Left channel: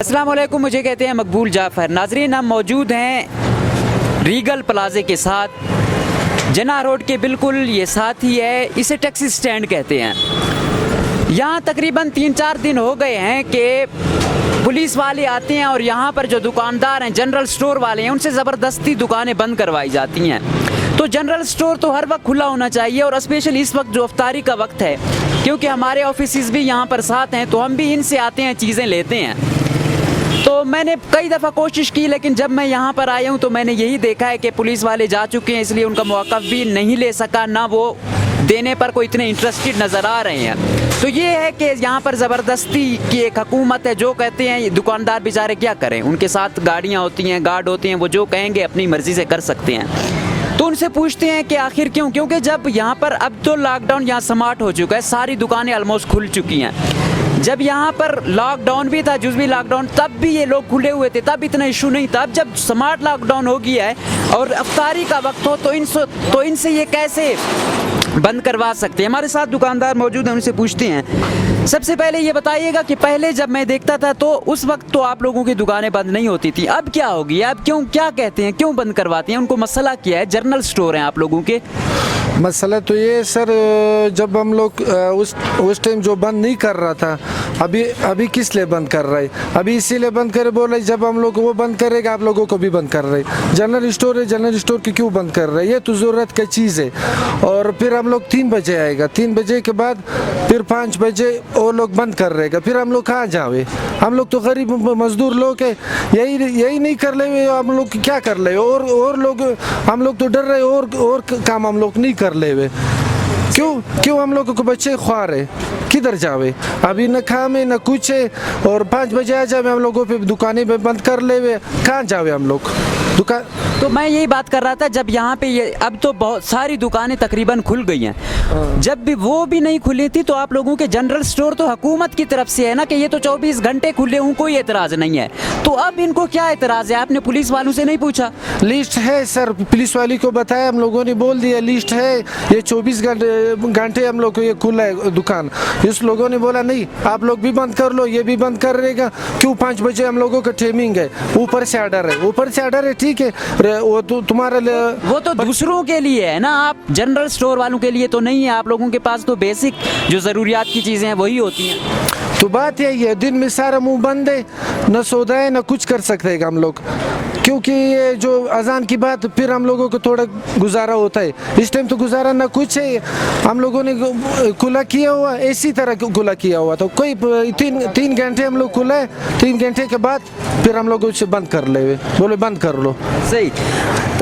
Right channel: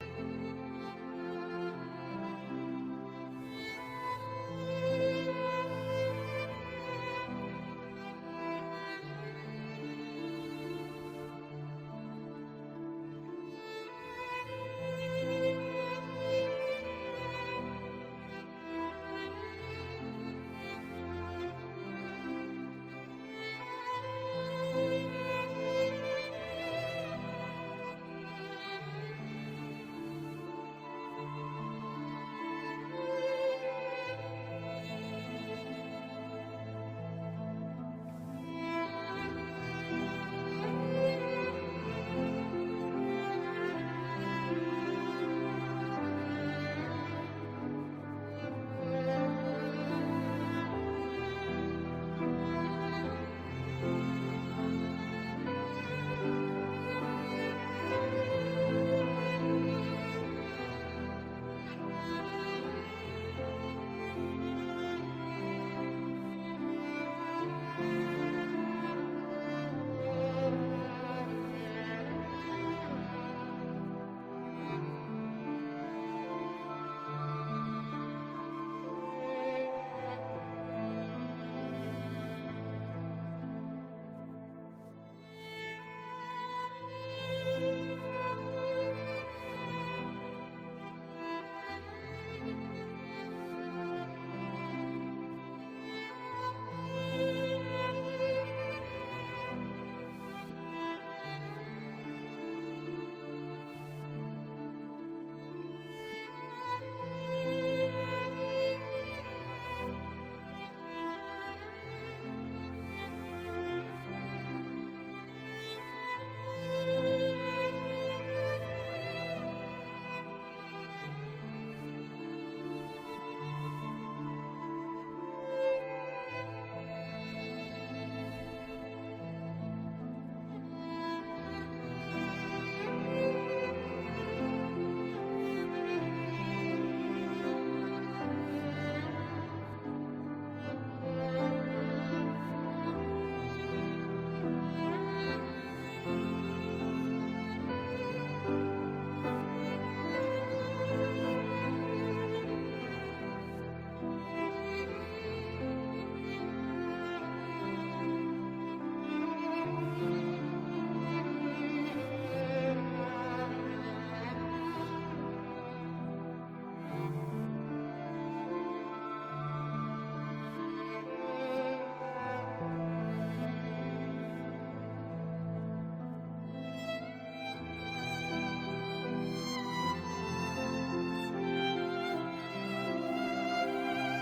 अस्सलाम वालेकुम, मुझे कहते हैं मकबूल जाफ़र। नाजरीन, हम मौजूद हैं रीगल प्लाजे के साथ, जना रोड के बिल्कुल ये साथ ही है। इसे टैक्सी स्टैंड कहते हैं। यहाँ तकरीबन 3-4 दिन हो गए हैं कि पुलिस वाले आते हैं और यहाँ पर जो दुकानदार हैं, जनरल स्टोर वाले हैं, उनसे ज़बरदस्ती दुकानें बंद करवाई जाती हैं। तो जनरल स्टोर तो हर वक्त खुला होना चाहिए, और स्पेशली इस वक्त जो अफ्तारी का वक्त है, क्योंकि हमारे ऑफिस भी यहाँ पर साथ हैं, तो हम भी इनसे आते हैं, चीज़ें लेते हैं। तो मैंने कई दफ़ा कोशिश की, लेकिन जब मैं यहाँ पर आया हूँ तो मैंने यही देखा है कि पुलिस वाले जा चुके हैं, इसलिए उनका मौक़िफ़ भी नहीं ले सका, ना वो देने पर कोई इतने इंटरेस्टेड नज़र आ रहे हैं। तो ये है कि यहाँ पर ज़बरदस्ती की एक हुकूमत है। जो कहते हैं ये दुकानदार बेचारे क्या करें, उनके साथ गाड़ियाँ होती हैं, गार्ड होते हैं, वो जो कहेंगे अपनी मर्ज़ी से कर सकते हैं। तो उनसे पूछते हैं कि आखिर क्यों, क्योंकि जब यहाँ पर अब तो लॉकडाउन यहाँ स्मार्ट हो चुका है, सारी दुकानें ऑलमोस्ट खुल चुकी हैं। जब यहाँ पर लॉकडाउन भी था, जुज़वी लॉकडाउन, तब भी ये लोग खुले हुए थे, तब इतना इशू नहीं था। अब जब स्मार्ट लॉकडाउन हो गया है और अफ्तारी का वक्त हो, तो इनसे ये कैसे बंद करवा सकते हैं। हमारे साथ दुकानदार मौजूद हैं, उनसे पूछते हैं। सबसे पहले ये बताइएगा कि पहले जब मैं देखता था तो उस वक्त तो आप लोगों की दुकानें बंद नहीं होती थी, अब क्या हो गया, अब क्यों, क्या कहते हैं, क्यों बंद करवाते हैं, उनको मसला क्या है? जनरल स्टोर हैं आप लोगों के। मसला तो ये सर, जब हम लोग उस टाइम जो बंद नहीं कर रहा था, अभी किस लिए बंद कर रहे? अभी इसीलिए बंद करे बोल रहे, जब हम लोग वो बंद करेगा आप लोगों को भी बंद कर रहे। जनरल स्टोर है, जनरल स्टोर की क्यों बंद कर रहे? ये तो ज़रूरत की चीज़ है। और फिर हम लोग 3 बजे आएगा, 3 बजे के बाद फिर 5 बजे वो लोग बंद कर रहेगा, फिर हम लोग कहाँ जावे? हम लोग तो गरीब मजदूर लोग है, यही नहीं कर ले, हम लोग क्या कर ले? और लोग, हम लोग तो डर रहे, और काम हम लोग नहीं कर ले। क्यों हम लोगों को बच्चे ख्वार है, किधर जावे? अभी न खामे न कुछ है, और 5 बजे आ जावे हम लोगों पे दुकानें पे बंद कर ले, कहाँ जावे हम लोग दुकान? तो मैं यही बात कर रहा था, जब यहाँ पे ये अब तो बहुत सारी दुकानें तकरीबन खुल गई हैं, जब भी वो भी नहीं खुली थी तो आप लोगों के जनरल स्टोर तो हुकूमत की तरफ से है ना कि ये तो 24 घंटे खुले हूँ, कोई एतराज़ नहीं है। तो अब इनको क्या एतराज़ है? आपने पुलिस वालों से नहीं पूछा? लिस्ट है सर, पुलिस वाली को बताया, हम लोगों ने बोल दिया लिस्ट है, ये 24 घंटे हम लोग को ये खुला है दुकान। इस लोगों ने बोला नहीं, आप लोग भी बंद कर लो, ये भी बंद कर रहेगा। क्यों 5 बजे हम लोगों का टाइमिंग है, ऊपर से ऑर्डर है, ऊपर से ऑर्डर है, ठीक है, वो तो तुम्हारा वो तो दूसरों के लिए है ना, आप जनरल स्टोर वालों के लिए तो नहीं है। आप लोगों के पास तो बेसिक जो ज़रूरियात की चीज़ें हैं वही होती हैं। तो बात यही है, दिन में सारा मुंह बंद है, न सौदा है न कुछ कर सकते हैं हम लोग, क्योंकि ये जो अजान की बात, फिर हम लोगों को थोड़ा गुजारा होता है। इस टाइम तो गुजारा ना कुछ है, हम लोगों ने खुला किया हुआ, इसी तरह खुला किया हुआ, तो कोई 3 घंटे हम लोग खुला है, 3 घंटे के बाद फिर हम लोग उसे बंद कर ले, बोले बंद कर लो। सही,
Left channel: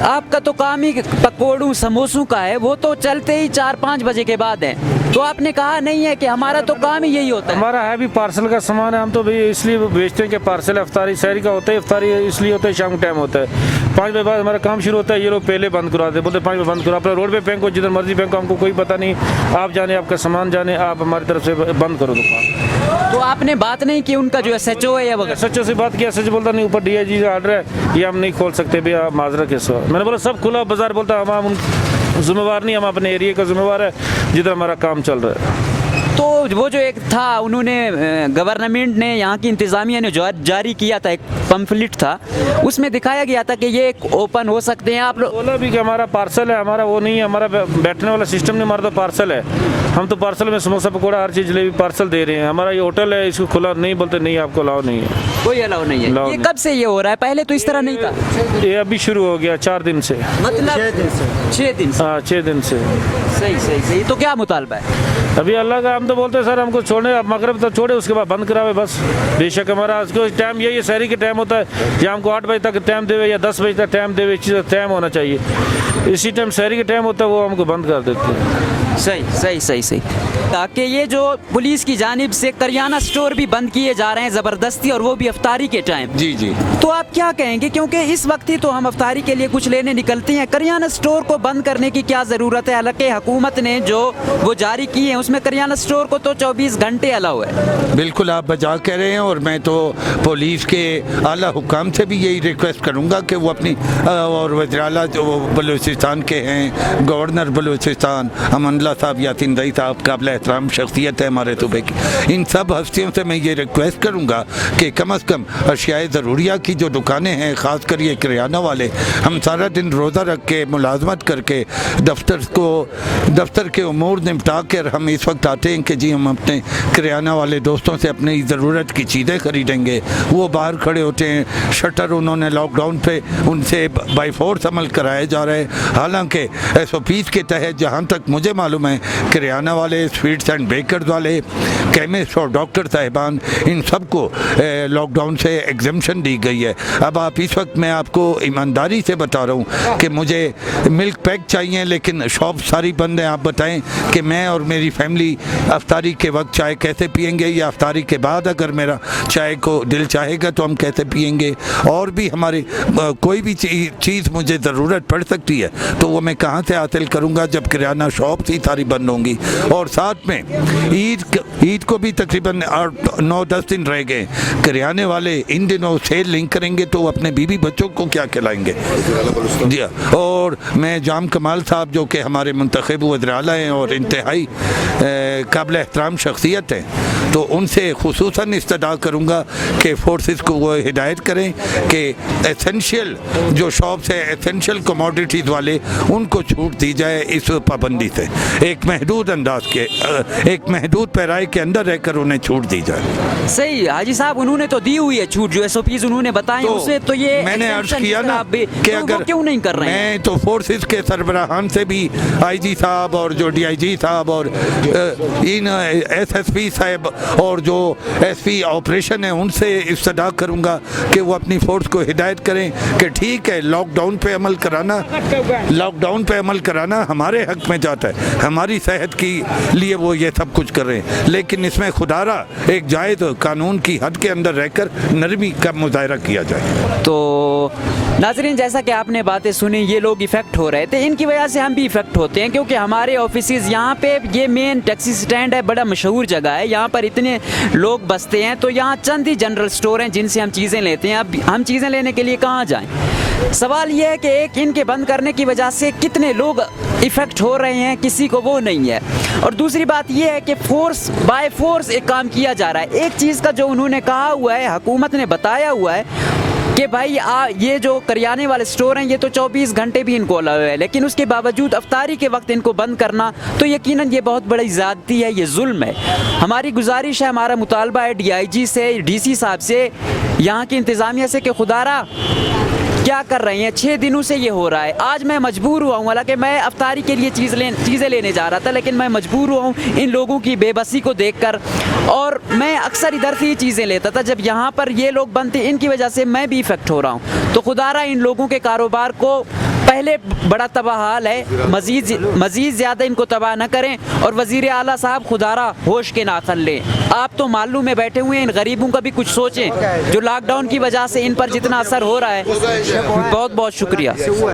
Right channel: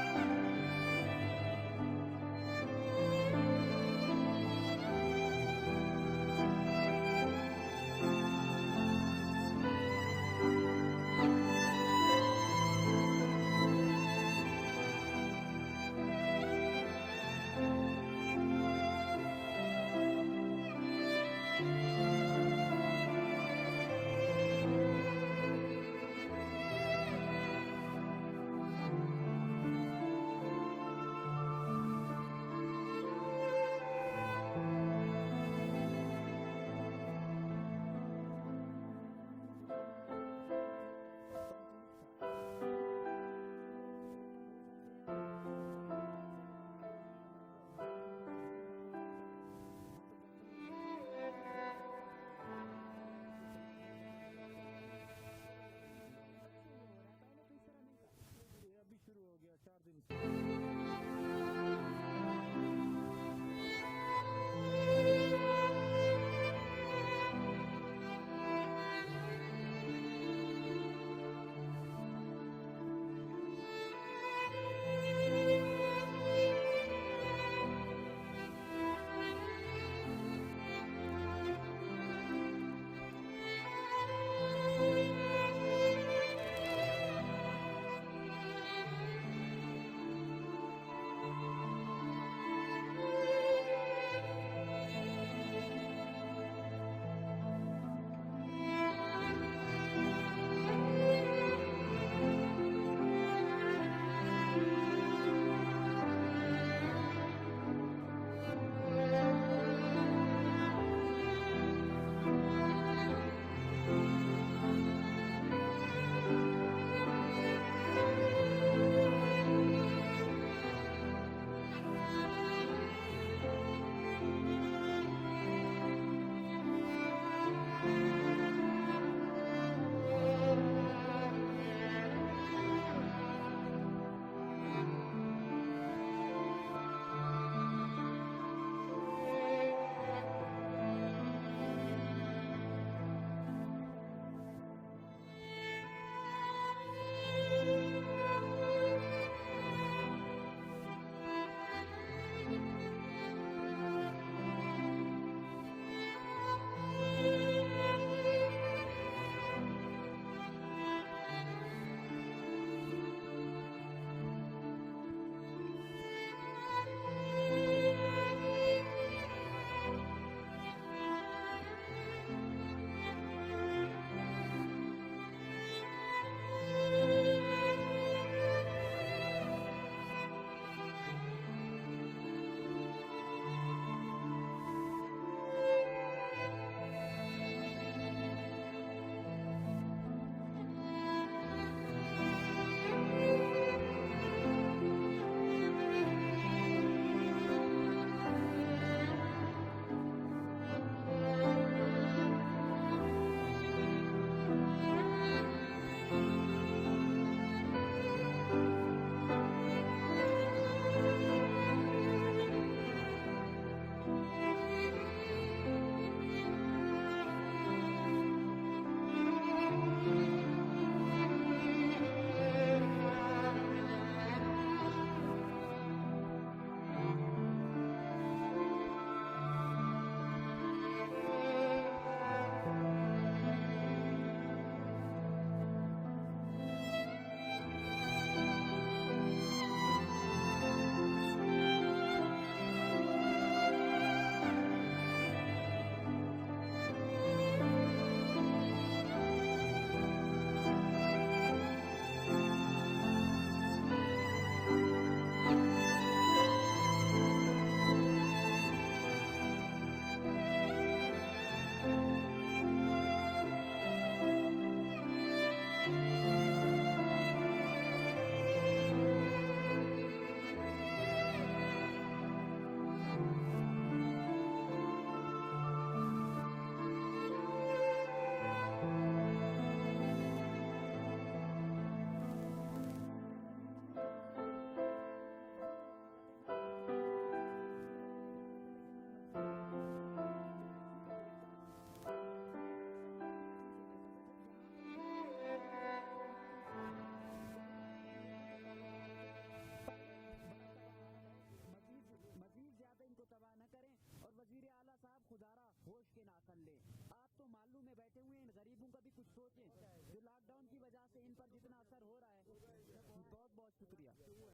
आपका तो काम ही पकौड़ू समोसों का है, वो तो चलते ही 4-5 बजे के बाद है। तो आपने कहा नहीं है कि हमारा तो काम ही यही होता है? हमारा है भी पार्सल का सामान है, हम तो भाई इसलिए बेचते हैं कि पार्सल अफ्तारी शहरी का होता है, अफ्तारी इसलिए होता है शाम का टाइम होता है, 5 बजे बाद हमारा काम शुरू होता है। ये लोग पहले बंद करवाते, बोलते 5 बजे बंद करो, अपना रोड पे फेंको, जिधर मर्जी फेंको, हमको कोई पता नहीं, आप जाने, आपका सामान जाने, आप हमारी तरफ से बंद करो दुकान। तो आपने बात नहीं की उनका जो SHO है या वगैरह? SHO से बात किया, SHO बोलता नहीं, ऊपर DIG का ऑर्डर है, ये हम नहीं खोल सकते भैया, माजरा के सो। मैंने बोला सब खुला बाजार, बोलता हम जिम्मेवार नहीं, हम अपने एरिया का जिम्मेवार है, जिधर हमारा काम चल रहा है। तो वो जो एक था, उन्होंने गवर्नमेंट ने, यहाँ की इंतज़ामिया ने जारी किया था, एक पम्फलेट था, उसमें दिखाया गया था कि ये एक ओपन हो सकते हैं। आप लोग बोला भी कि हमारा पार्सल है, हमारा वो नहीं है, हमारा बैठने वाला सिस्टम नहीं, हमारा तो पार्सल है, हम तो पार्सल में समोसा पकौड़ा हर चीज़ जलेबी पार्सल दे रहे हैं। हमारा ये होटल है, इसको खुला नहीं, बोलते नहीं आपको अलाउ नहीं है, कोई अलाउ नहीं है। ये कब से ये हो रहा है? पहले तो इस तरह नहीं था। ये अभी शुरू हो गया 4 दिन से, मतलब 6 दिन से। हाँ 6 दिन से। सही। तो क्या मुतालबा है अभी? अल्लाह का हम तो बोलते हैं सर, हमको छोड़े, अब मगरब तक छोड़े, उसके बाद बंद करावे बस। बेशक हमारा आज को टाइम यही है, शहरी के टाइम होता है, या हमको 8 बजे तक टाइम देवे या 10 बजे तक टाइम देवे, चीज़ टाइम होना चाहिए। इसी टाइम शहरी के टाइम होता है, वो हमको बंद कर देते हैं। सही। ताकि ये जो पुलिस की जानिब से करियाना स्टोर भी बंद किए जा रहे हैं ज़बरदस्ती, और वो भी अफ्तारी के टाइम। जी। तो आप क्या कहेंगे, क्योंकि इस वक्त ही तो हम अफ्तारी के लिए कुछ लेने निकलते हैं, करियाना स्टोर को बंद करने की क्या ज़रूरत है? हालांकि हुकूमत ने जो वो जारी की है उसमें करियाना स्टोर को तो 24 घंटे अलाउ है। बिल्कुल आप बचा कह रहे हैं, और मैं तो पुलिस के आला हुकाम से भी यही रिक्वेस्ट करूंगा कि वो अपनी, और वज़ीर-ए-आला जो बलूचिस्तान के हैं, गवर्नर बलूचिस्तान अमन साहब, यासीन रई साहब, काबिल एहतराम शख्सियत है हमारे सूबे की। इन सब हस्तियों से मैं ये रिक्वेस्ट करूँगा कि कम अज़ कम अशियाए ज़रूरिया की जो दुकानें हैं, ख़ास कर ये किराना वाले, हम सारा दिन रोज़ा रख के मुलाजमत करके दफ्तर के उमूर निपटा कर हम इस वक्त आते हैं कि जी हम अपने किराना वाले दोस्तों से अपनी ज़रूरत की चीज़ें ख़रीदेंगे। वो बाहर खड़े होते हैं, शटर उन्होंने लॉकडाउन पे उनसे बाई फोर्स अमल कराया जा रहा है। हालांकि SOPs के तहत जहाँ तक मुझे मालूम है, किराना वाले, स्वीट्स एंड बेकर्स वाले, केमिस्ट और डॉक्टर साहिबान, इन सबको लॉकडाउन से एग्जम्पशन दी गई है। अब आप इस वक्त मैं आपको ईमानदारी से बता रहा हूँ कि मुझे मिल्क पैक चाहिए, लेकिन शॉप सारी बंद है। आप बताएं कि मैं और मेरी फैमिली अफ्तारी के वक्त चाय कैसे पियेंगे, या अफ्तारी के बाद अगर मेरा चाय को दिल चाहेगा तो हम कैसे पियेंगे। और भी हमारी कोई भी चीज़ मुझे ज़रूरत पड़ सकती है तो वो मैं कहाँ से हासिल करूँगा जब किराना शॉप ही सारी बंद होंगी। और साथ में ईद को भी तकरीबन 9-10 दिन रह गए। किराने वाले इन दिनों सेल लिंक करेंगे तो वो अपने बीवी बच्चों को क्या खिलाएंगे। जी हाँ, और मैं जाम कमाल साहब जो कि हमारे मुंतखब वज़ीर आला हैं और इंतहाई काबिल एहतराम शख्सियत हैं, तो उनसे खुसूसन इस्तदा करूँगा कि फोर्सेस को वो हिदायत करें कि एसेंशियल जो शॉप्स है, एसेंशियल कमोडिटीज़ वाले, उनको छूट दी जाए इस पाबंदी से। एक महदूद अंदाज के, एक महदूद पैराए के अंदर रहकर उन्हें छूट दी जाए। सही हाजी साहब, उन्होंने तो दी हुई है छूट, जो SOPs उन्होंने बताए तो उसे तो ये मैंने अर्ज किया ना कि अगर क्यों नहीं कर रहे हैं। मैं तो फोर्सेस के सरबराहान से भी, IG साहब और जो DIG साहब और इन SSP साहब और जो SP ऑपरेशन है उनसे इस्तदा करूँगा कि वो अपनी फोर्स को हिदायत करें कि ठीक है, लॉकडाउन पे अमल कराना हमारे हक में जाता है, हमारी सेहत के लिए वो ये सब कुछ कर रहे हैं, लेकिन इसमें खुदारा एक जायज़ कानून की हद के अंदर रहकर नरमी का मुजाहरा किया जाए। तो नाज़रीन, जैसा कि आपने बातें सुनी, ये लोग इफ़ेक्ट हो रहे थे, इनकी वजह से हम भी इफ़ेक्ट होते हैं, क्योंकि हमारे ऑफिसेज़ यहाँ पे, ये मेन टैक्सी स्टैंड है, बड़ा मशहूर जगह है, यहाँ पर इतने लोग बसते हैं, तो यहाँ चंद ही जनरल स्टोर हैं जिनसे हम चीज़ें लेते हैं। अब हम चीज़ें लेने के लिए कहाँ जाएं? सवाल ये है कि एक इनके बंद करने की वजह से कितने लोग इफ़ेक्ट हो रहे हैं, किसी को वो नहीं है। और दूसरी बात ये है कि फोर्स बाय फोर्स एक काम किया जा रहा है। एक चीज़ का जो उन्होंने कहा हुआ है, हुकूमत ने बताया हुआ है कि भाई ये जो करियाने वाले स्टोर हैं ये तो 24 घंटे भी इनको अलाउ है, लेकिन उसके बावजूद अफ्तारी के वक्त इनको बंद करना तो यकीनन ये बहुत बड़ी ज़्यादती है, ये जुल्म है। हमारी गुजारिश है, हमारा मुतालबा है DIG से, DC साहब से, यहाँ की इंतज़ामिया से कि खुदारा क्या कर रहे हैं। 6 दिनों से ये हो रहा है। आज मैं मजबूर हुआ हूँ, हालांकि मैं अफ्तारी के लिए चीज़ें लेने जा रहा था, लेकिन मैं मजबूर हुआ हूँ इन लोगों की बेबसी को देखकर। और मैं अक्सर इधर से ही चीज़ें लेता था, जब यहाँ पर ये लोग बंद थे, इनकी वजह से मैं भी इफ़ेक्ट हो रहा हूँ। तो खुदारा इन लोगों के कारोबार को, पहले बड़ा तबाह हाल है, मज़ीद ज़्यादा इनको तबाह न करें। और वज़ीर आला साहब खुदारा होश के नाखन लें। आप तो मालूम में बैठे हुए हैं, इन गरीबों का भी कुछ सोचें जो लॉकडाउन की वजह से इन पर जितना असर हो रहा है। बहुत बहुत शुक्रिया।